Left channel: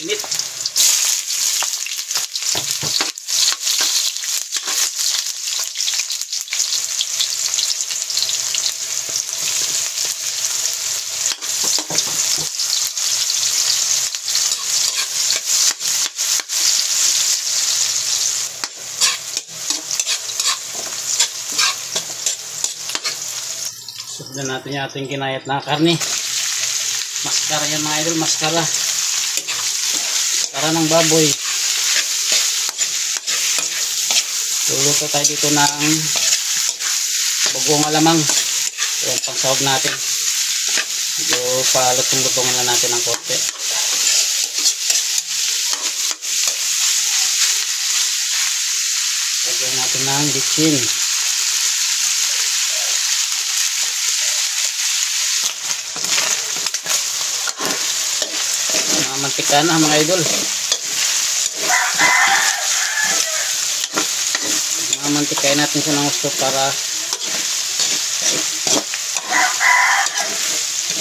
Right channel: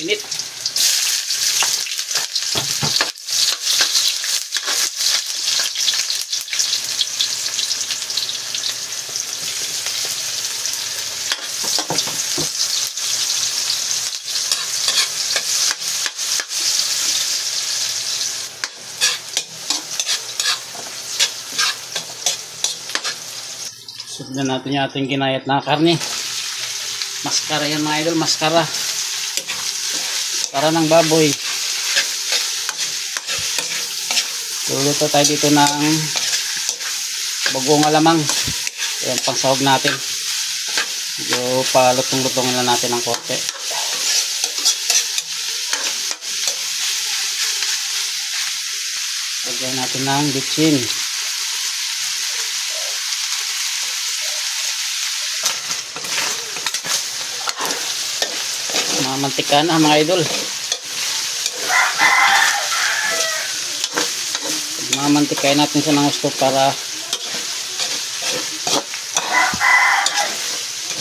init. Sundan natin yung ating ginayat na karne. Maskara yan mga idol, maskara. Maskara ng baboy. Luluto tayo dito ng bagong alamang. Ayan, pang sahog natin. Medyo palutong-lutongin lang natin ng konti. Lagyan natin ng bitchin. Mantika na mga idol. Mamantikain natin siya ng gusto para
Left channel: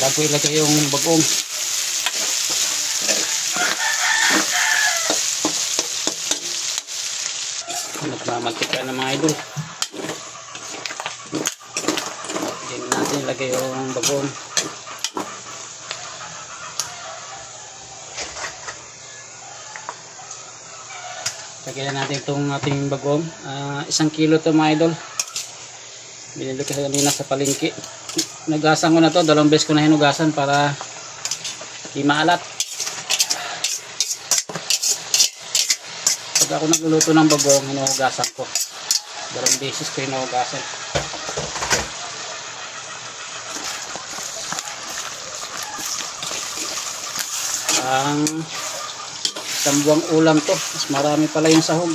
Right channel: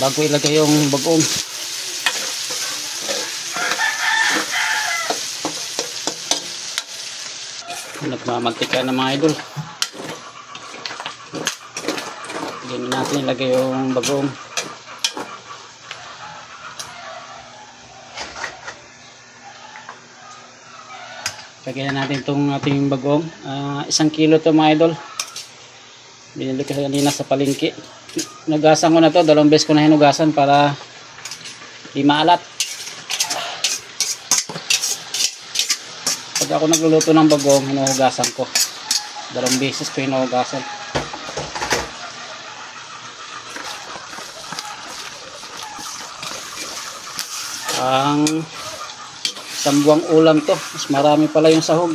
bago ilagay yung bagong. Nagmamantika na mga idol. Hindi natin ilagay yung bagong. Lagyan natin itong ating bagong. 1 kilo to mga idol. Binili ko kanina sa palengke. Hinugasan ko na to. 2 beses ko na hinugasan para di maalat. Pag ako nagluluto ng bagong, hinugasan ko. 2 beses ko hinugasan. Ang isang buwang ulam to. Mas marami pala yung sahog.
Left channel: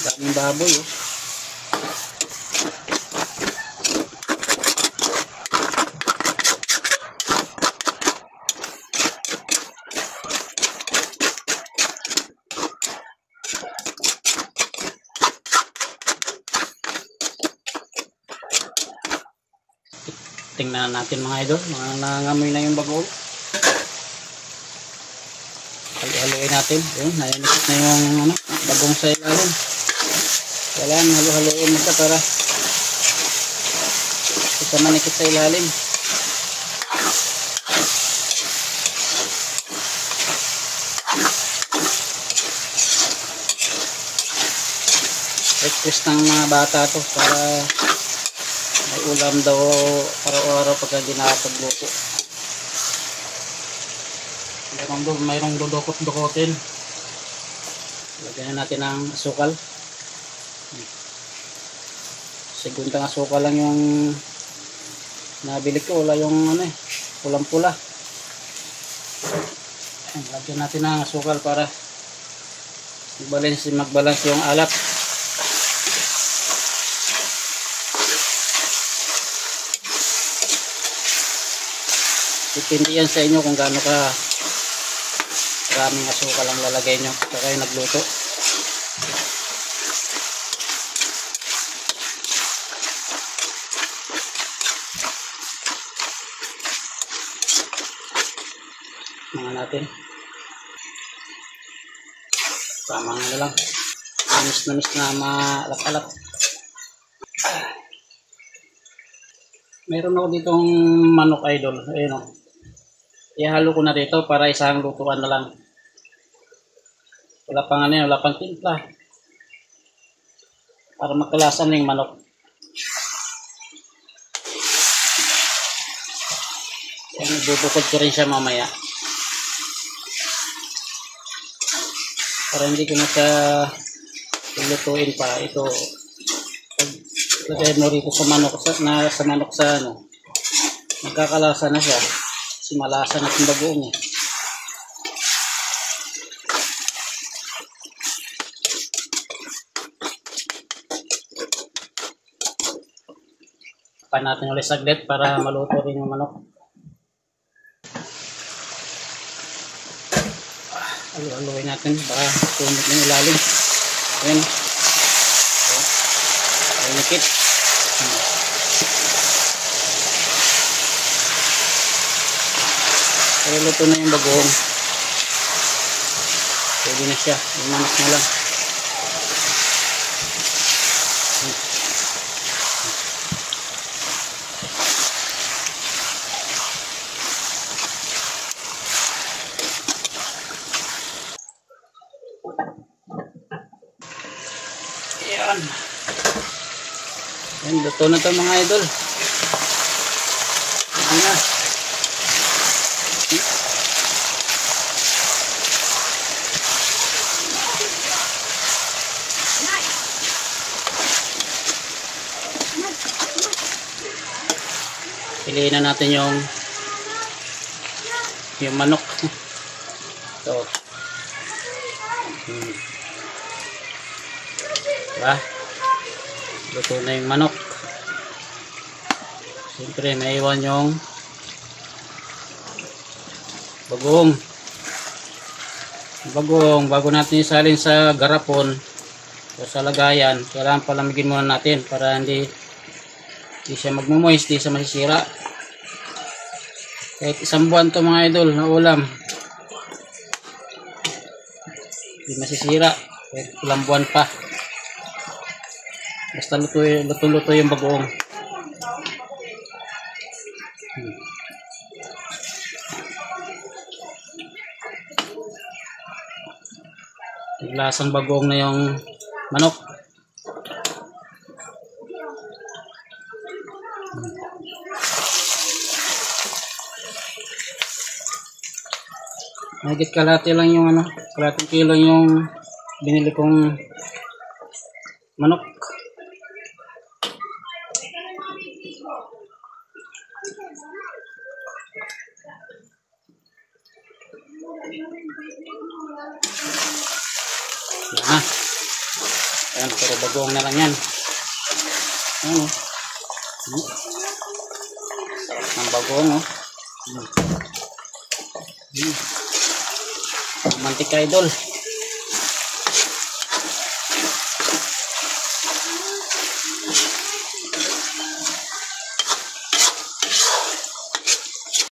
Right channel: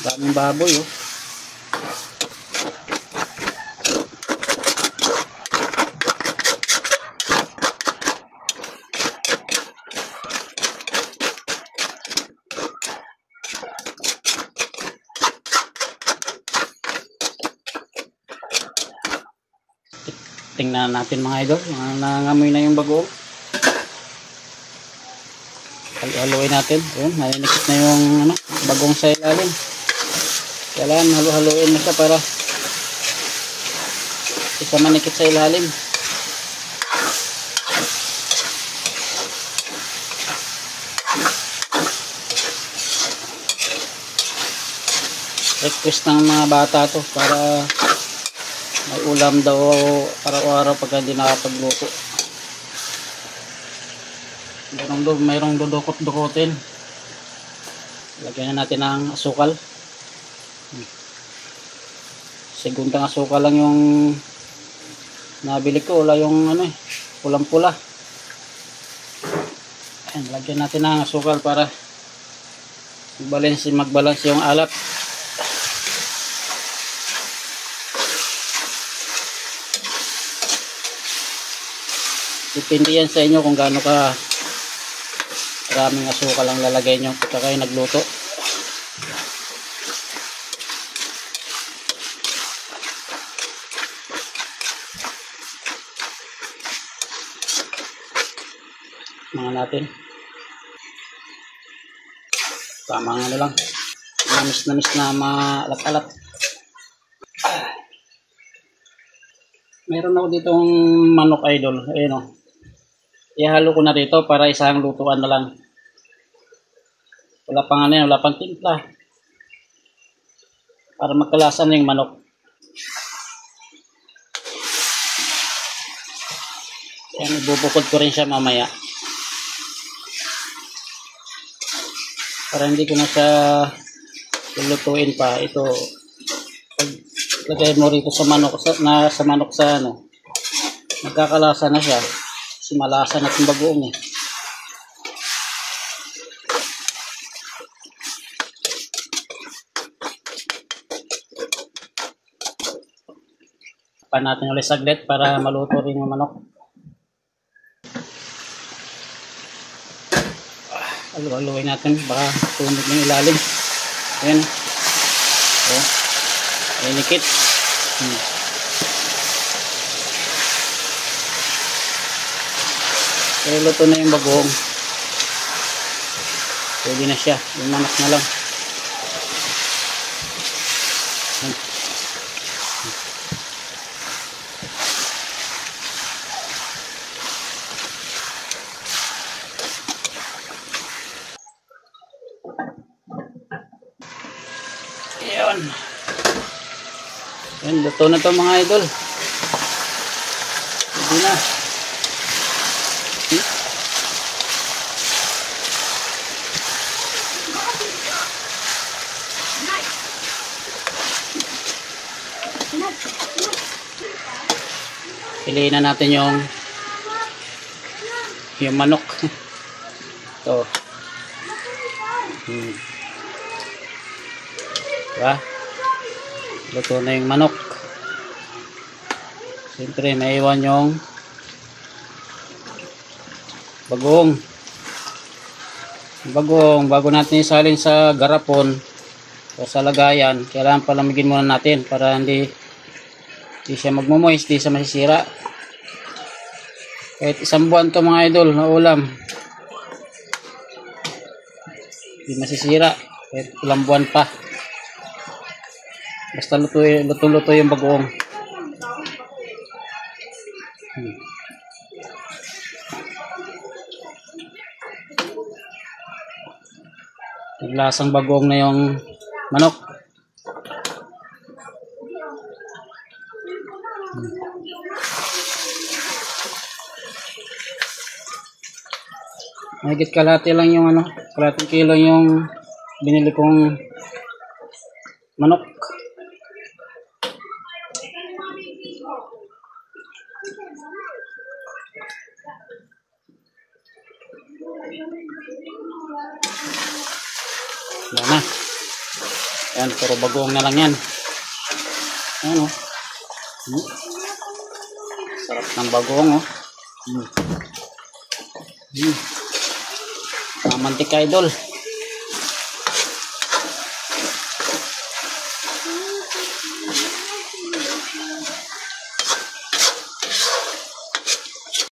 Daming baboy oh. Tingnan natin mga idol. Nangangamoy na yung bago. Halo-haloin natin. Ayun, nanikit na yung bagong sa ilalim. Kailangan halo-haloin mo siya para isa manikit sa ilalim. Request ng mga bata to para may ulam daw araw-araw pag hindi nakapagluto. Mayroong dudukot-dukotin. Lagyan na natin ng asukal. Seguntang asukal lang yung nabili ko. Wala yung pulang-pula. Lagyan natin ng asukal para magbalance yung alat. Depende yan sa inyo kung gaano ka maraming asukal ang lalagay nyo pagka kayo nagluto. Mga natin. Tama nga lang. Namis na maalat-alat. Meron ako ditong manok idol. Ayun o. Ihalo ko na rito para isang lutuan na lang. Wala pang wala pang timpla. Para magkalasan na yung manok. Yan, ibubukod ko rin siya mamaya. Para hindi ko na siya lulutuin pa. Ito, lagay mo rito sa manok, magkakalasa na siya. Kasi malasa na itong bagoong eh. Pa natin ulit saglit para maluto rin yung manok. Haluin natin baka tunog ng ilalim. Ayan. Ayan. Ayan nikit. Kaya luto na yung bagoong. Pwede na siya. Yung manok na lang. Ayan. Ayan, luto na to mga idol. Pwede na. Piliin na natin yung manok. Ito. Diba? Luto na yung manok. Siyempre may iwan yung bagong. Bago natin isalin sa garapon o sa lagayan, kailangan palamigin muna natin para hindi siya magmumoist, hindi siya masisira. Kahit isang buwan to mga idol na ulam, hindi masisira kahit ilang buwan pa, basta luto yung bagoong. Lasang bagoong na yung manok. Mahigit kalahati lang yung kalahating kilo yung binili kong manok. Yan na. Yan, puro bagoong na lang yan. Ayan o. Sarap ng bagoong o. Mantika idol.